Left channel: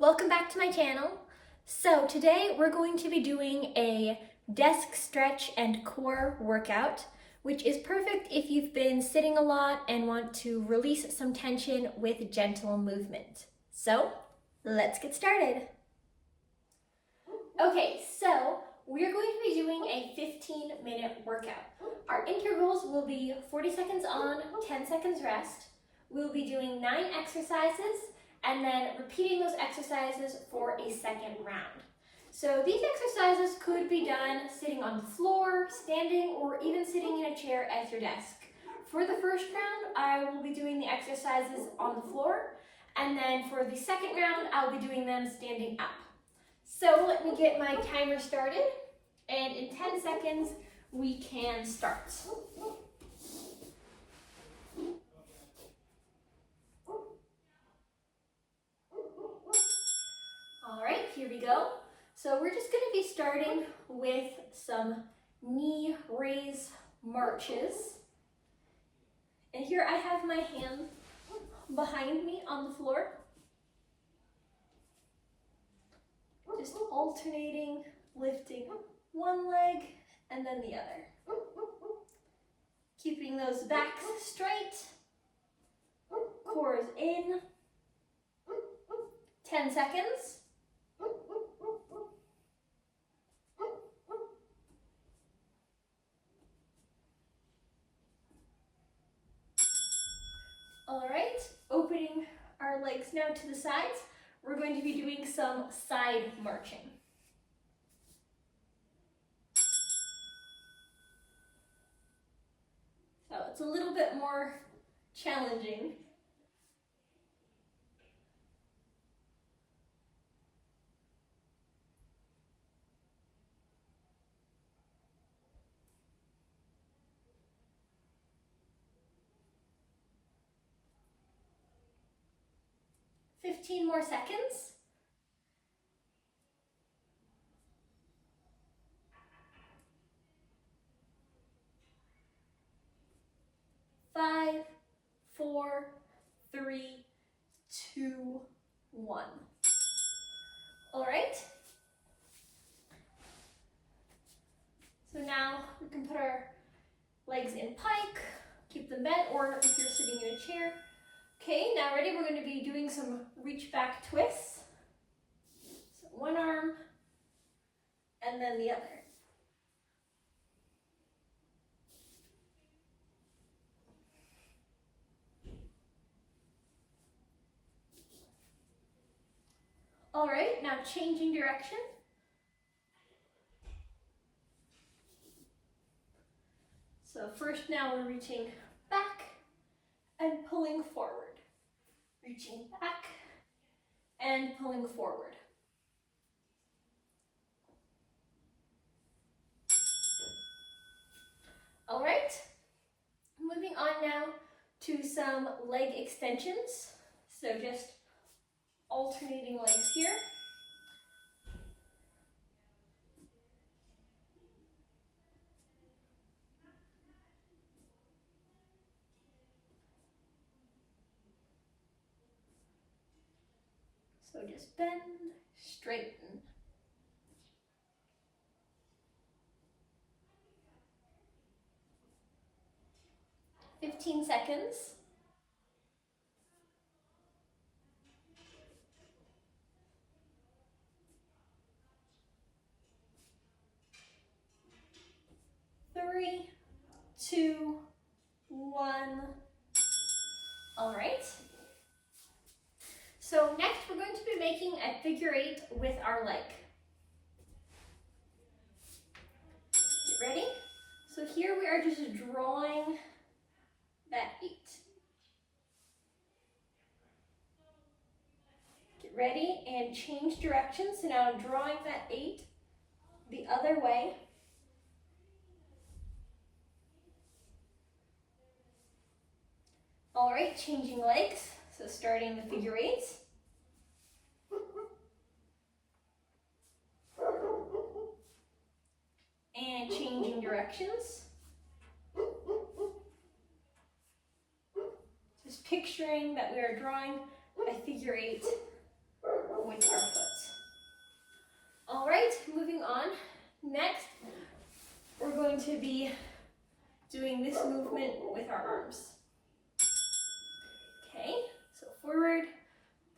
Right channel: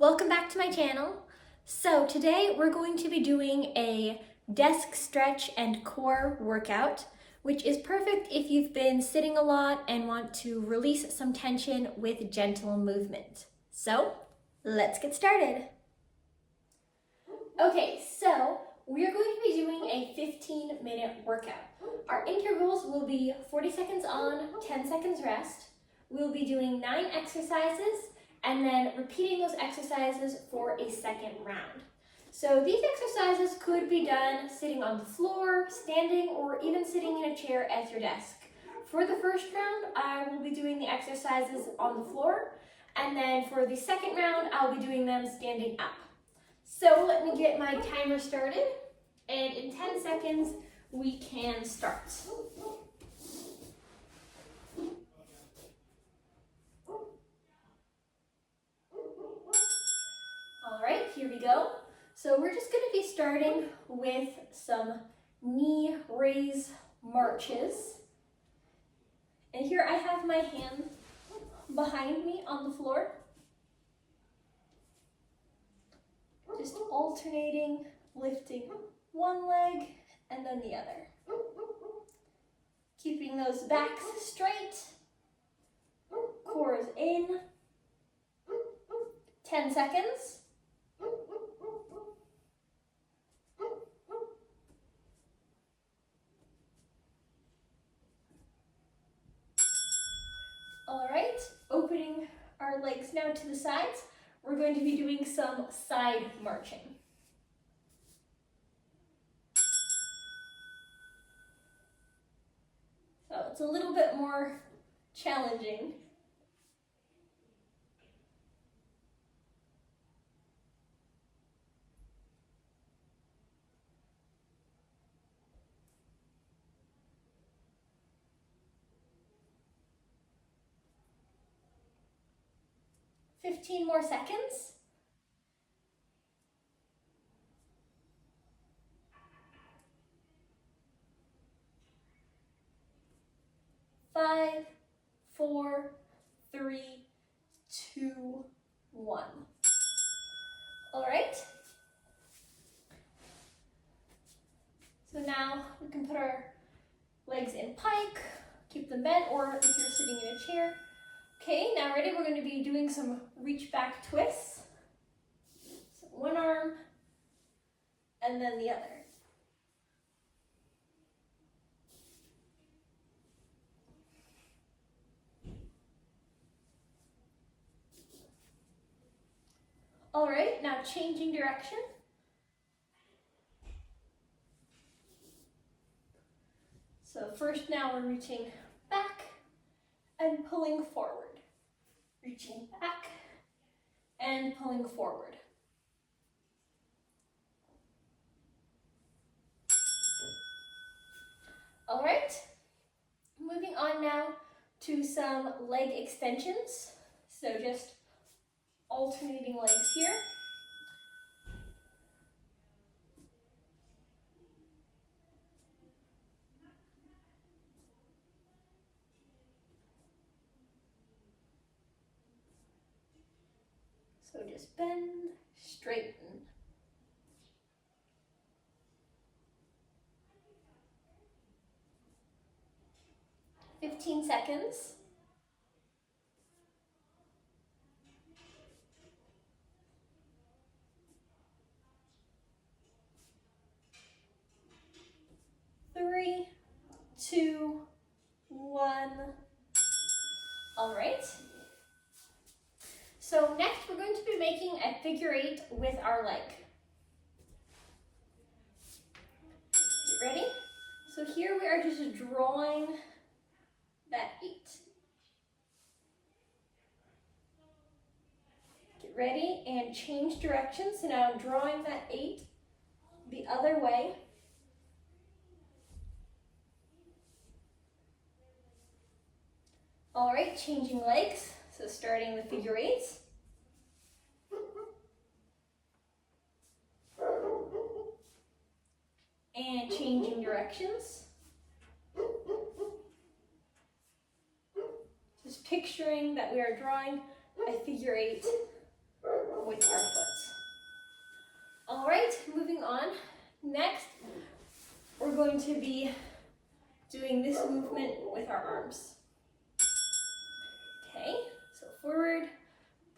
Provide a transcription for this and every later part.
Welcome back to my channel. So today we're going to be doing a desk stretch and core workout, which is perfect if you've been sitting a lot and want to release some tension with gentle movement. So let's get started. Okay, so we're going to be doing a 15-minute workout. Our intervals will be 40 seconds on, 10 seconds rest. We'll be doing 9 exercises and then repeating those exercises for a second round. So these exercises could be done sitting on the floor, standing, or even sitting in a chair at your desk. For the first round, I will be doing the exercises on the floor, and then for the second round, I'll be doing them standing up. So let me get my timer started, and in 10 seconds, we can start. All right, here we go. So we're just going to be starting with some knee raise marches. And here I have my hand behind me on the floor. Just alternating, lifting one leg and then the other. Keeping those backs straight, cores in. 10 seconds. All right, opening our legs now to the sides. We're going to be doing some side marching. So it's a little bit more challenging. Fifteen more seconds. Five, 4, 3, 2, 1. All right. So now we can put our legs in pike, keep them bent, or if you're sitting in a chair. Okay, now ready? We're going to be doing some reach back twists. So one arm and then the other. All right, now changing direction. So first now we're reaching back and pulling forward. Reaching back and pulling forward. All right, moving on now to some leg extensions. So just alternating legs here. So just bend, straighten. "15 seconds. Three, 2, 1. All right. So next we're going to be making a figure 8 with our leg. You ready? So here we are just drawing that 8. Get ready and change direction. So now I'm drawing that 8 the other way. All right, changing legs. So starting with figure 8s. And changing directions. Just picturing that we are drawing a figure 8 with our to be doing this movement with our arms. Okay, so forward,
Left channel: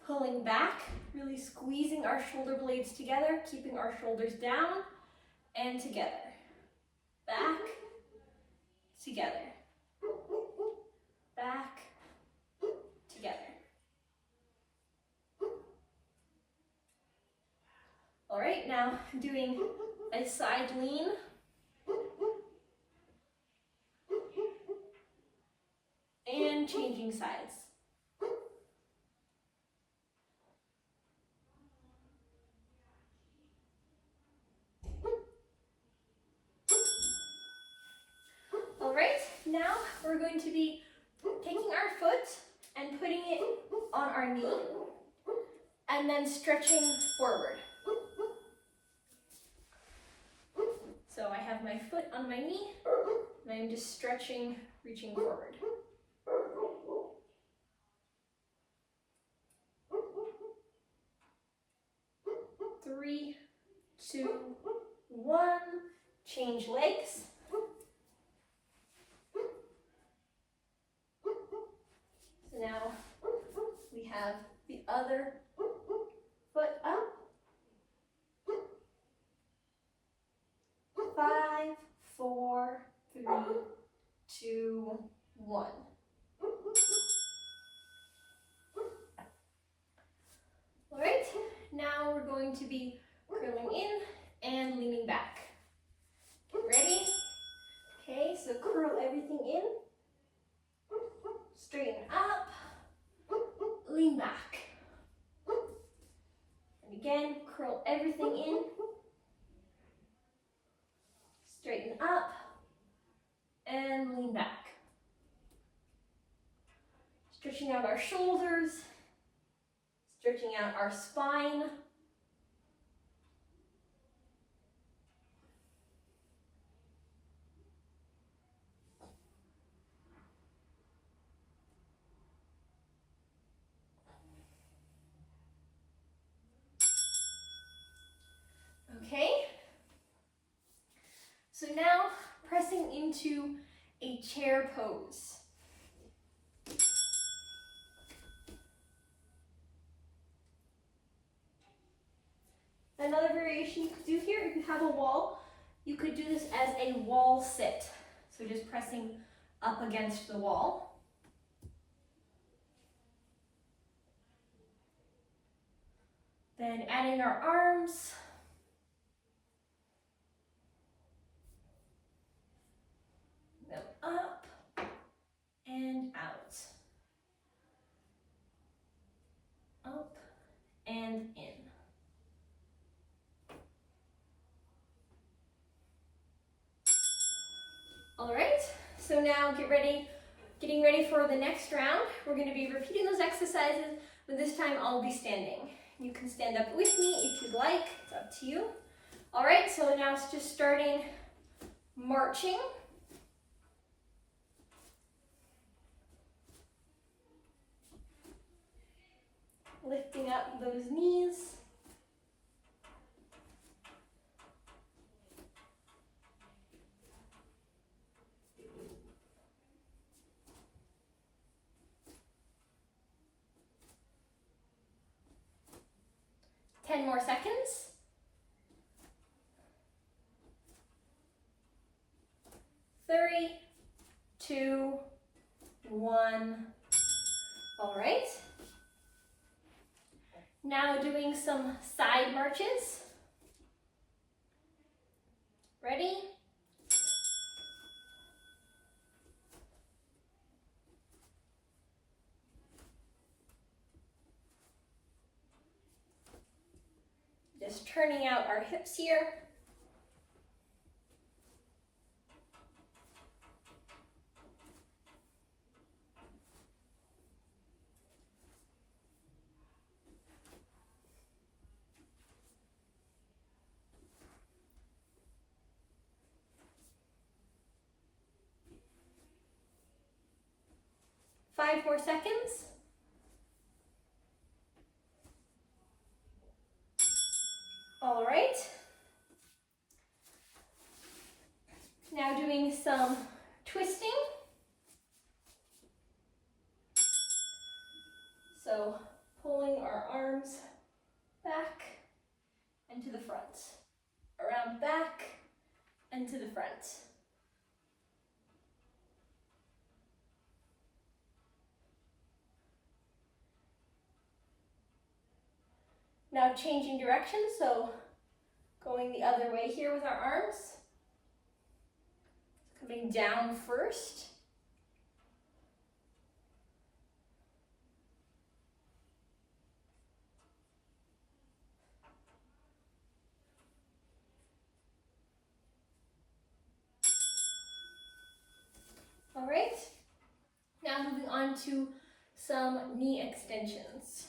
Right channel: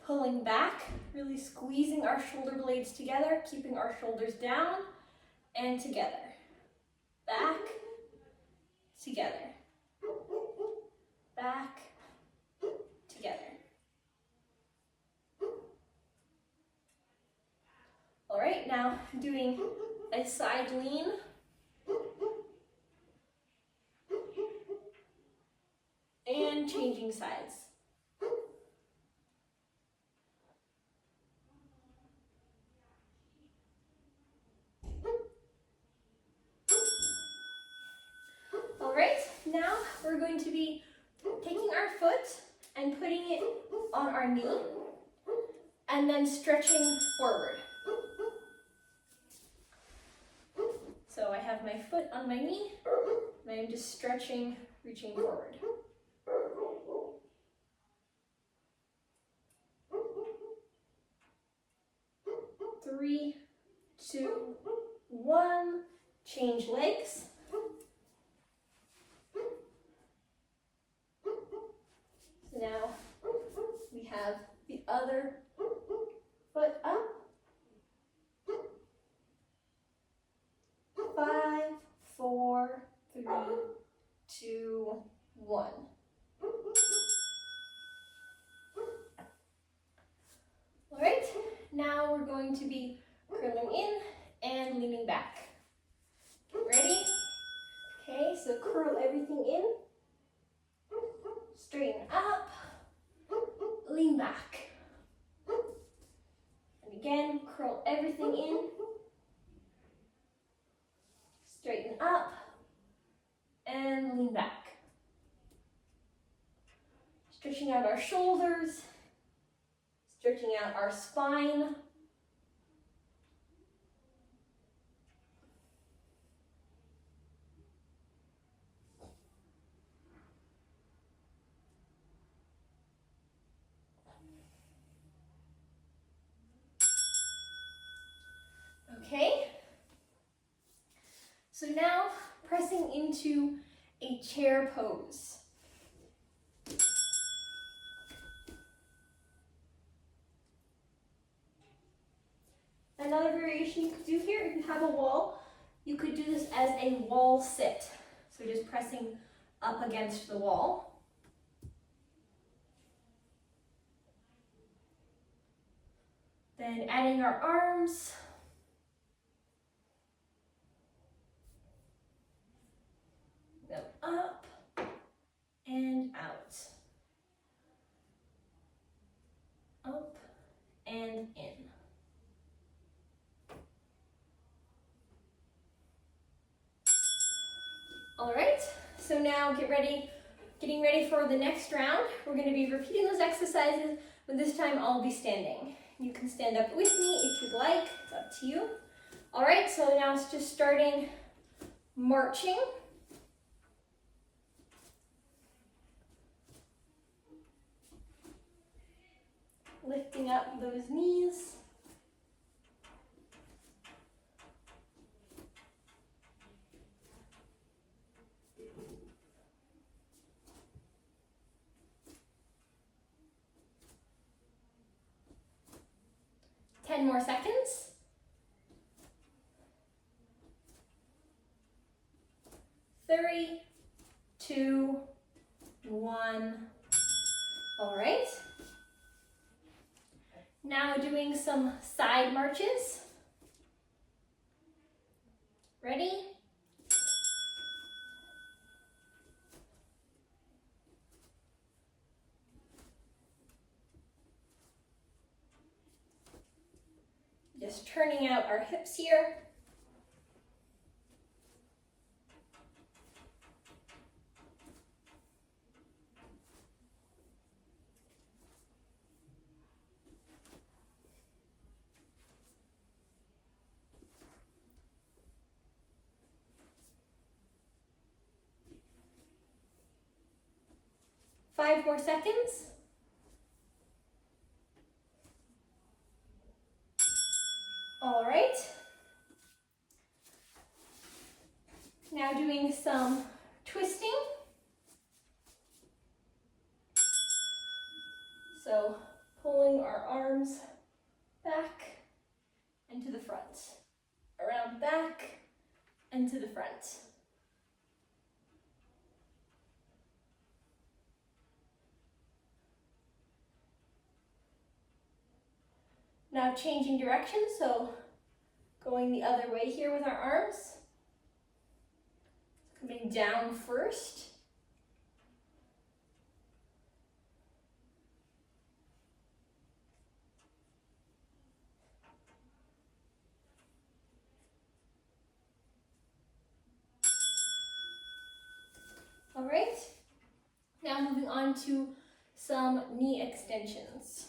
pulling back, really squeezing our shoulder blades together, keeping our shoulders down, and together. Back, together. Back, together. All right, now doing a side lean. And changing sides. All right, now we're going to be taking our foot and putting it on our knee and then stretching forward. So I have my foot on my knee and I'm just stretching, reaching forward. 3, 2, 1. Change legs. So now we have the other foot up. 5, 4, 3, 2, 1. All right, now we're going to be curling in and leaning back. Get ready? Okay, so curl everything in, straighten up, lean back. And again, curl everything in, straighten up, and lean back. Stretching out our shoulders, stretching out our spine. Okay, so now pressing into a chair pose. Another variation you could do here, if you have a wall, you could do this as a wall sit. So just pressing up against the wall. Then adding our arms. Go up and out. Up and in. All right, so now getting ready for the next round. We're going to be repeating those exercises, but this time I'll be standing. You can stand up with me if you'd like, it's up to you. All right, so now it's just starting marching. Lifting up those knees. Ten more seconds. 3, 2, 1. All right. Now doing some side marches. Ready? Just turning out our hips here. Five more seconds. All right. Now Now doing some twisting. So pulling our arms back and to the front, around back and to the front. Now changing direction, so going the other way here with our arms. Coming down first. All right, now moving on to some knee extensions.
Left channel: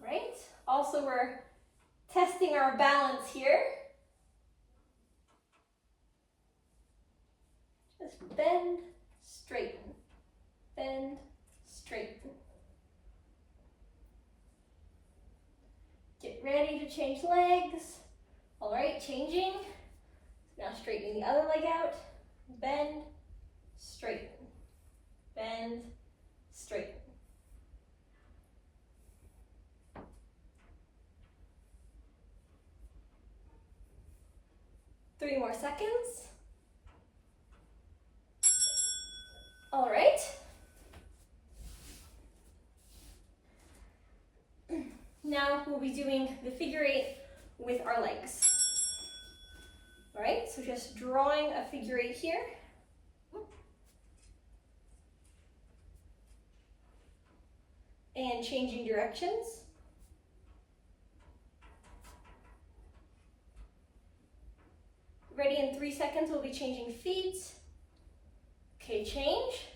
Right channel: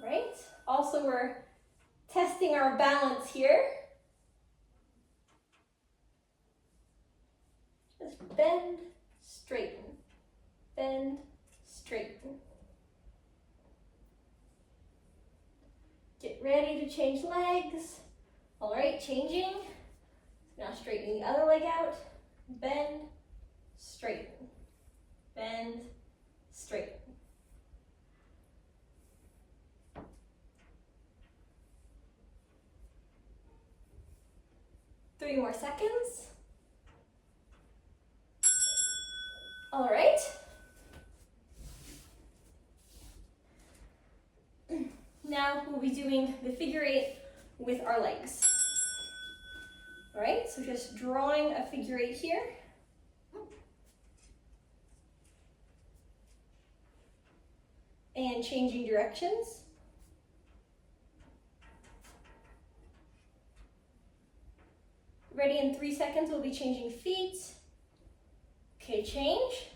All right, also we're testing our balance here. Just bend, straighten, bend, straighten. Get ready to change legs. All right, changing. Now straightening the other leg out, bend, straighten, bend, straighten. Three more seconds. All right. Now we'll be doing the figure eight with our legs. All right, so just drawing a figure eight here. And changing directions. Ready in 3 seconds, we'll be changing feet. Okay, change.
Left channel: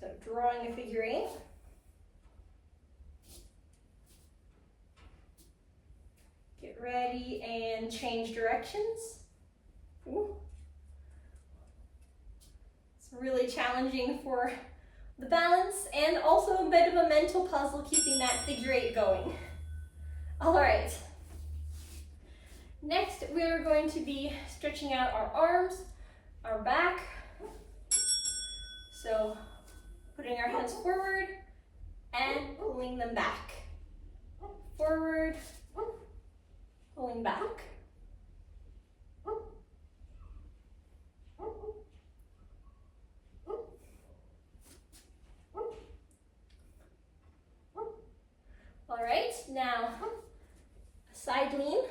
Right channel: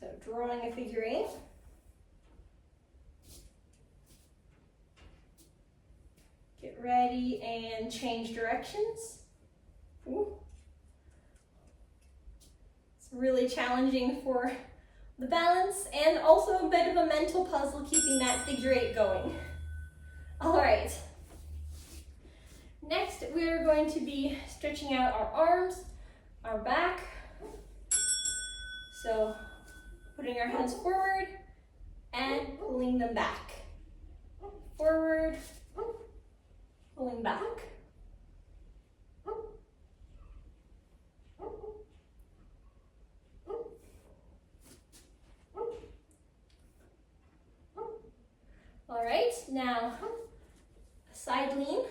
So drawing a figure eight. Get ready and change directions. Ooh. It's really challenging for the balance and also a bit of a mental puzzle keeping that figure eight going. All right. Next, we are going to be stretching out our arms, our back. So putting our hands forward and pulling them back. Forward, pulling back. All right, now a side lean.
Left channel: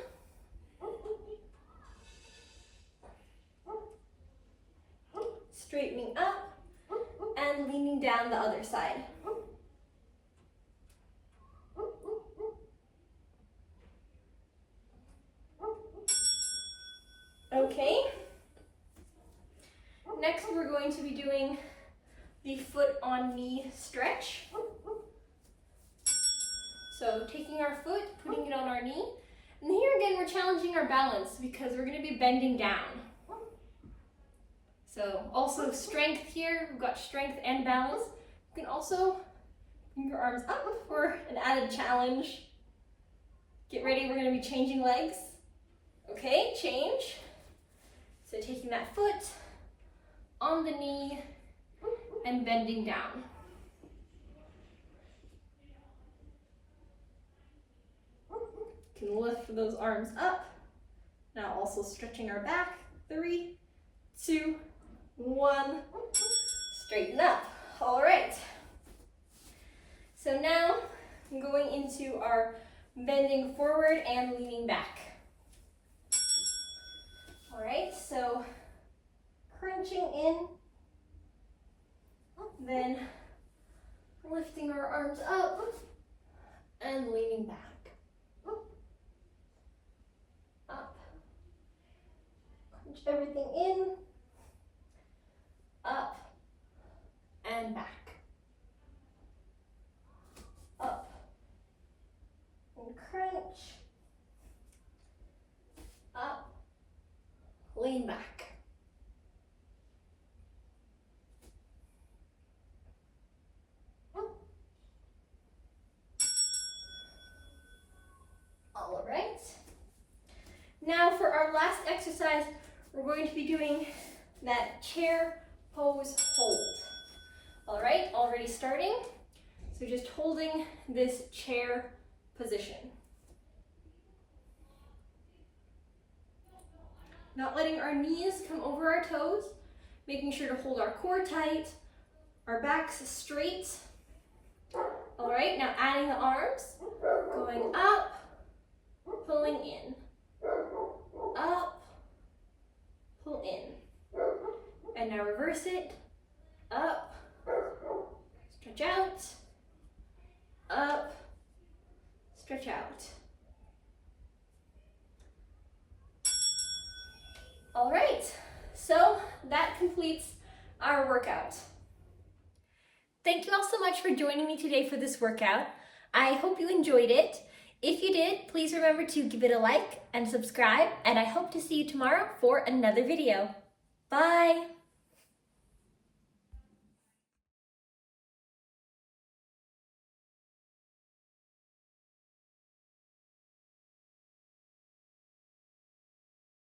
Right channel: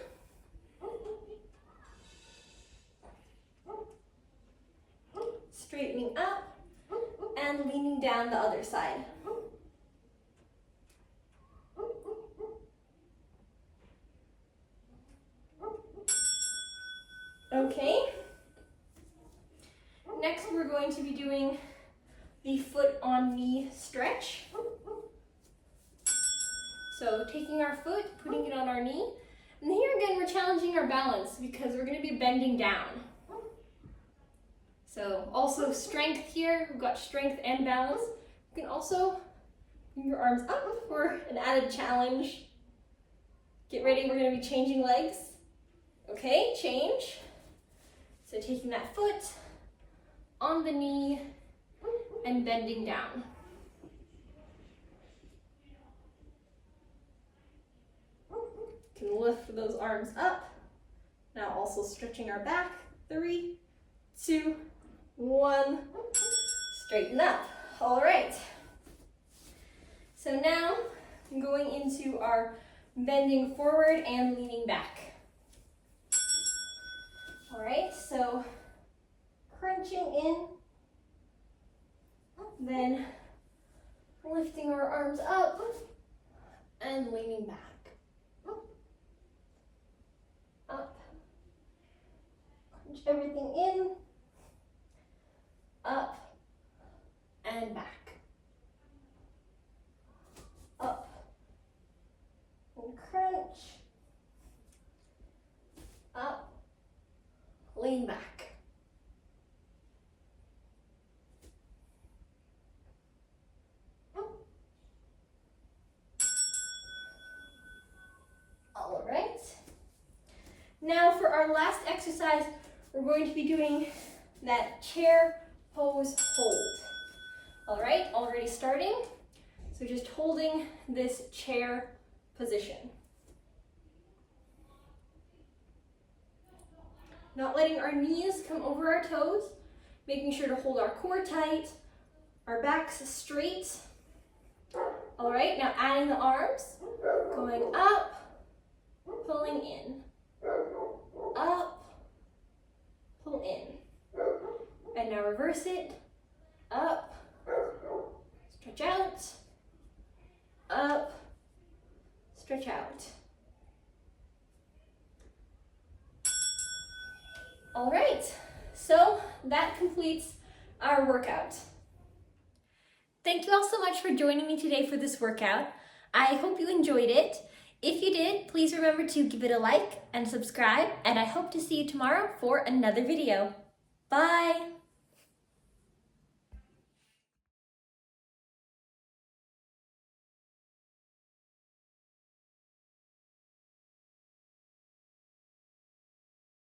Straightening up and leaning down the other side. Okay. Next, we're going to be doing the foot on knee stretch. So taking our foot, putting it on our knee. And here again, we're challenging our balance because we're going to be bending down. So also strength here. We've got strength and balance. You can also bring your arms up for an added challenge. Get ready, we're going to be changing legs. Okay, change. So taking that foot on the knee and bending down. You can lift those arms up. Now also stretching our back. 3, 2, 1. Straighten up. All right. So now I'm going into our bending forward and leaning back. All right, so crunching in, then lifting our arms up and leaning back. Up, crunch everything in, up and back. Up and crunch, up, lean back. All right. Now exercise, we're going to be doing that chair pose hold. All right, already starting. So just holding this chair position. Not letting our knees come over our toes, making sure to hold our core tight, our backs straight. All right, now adding the arms, going up, pulling in, up, pull in. And now reverse it, up, stretch out, up, stretch out. All right, so that completes our workout. Thank you all so much for joining me today for this workout. I hope you enjoyed it. If you did, please remember to give it a like and subscribe, and I hope to see you tomorrow for another video. Bye!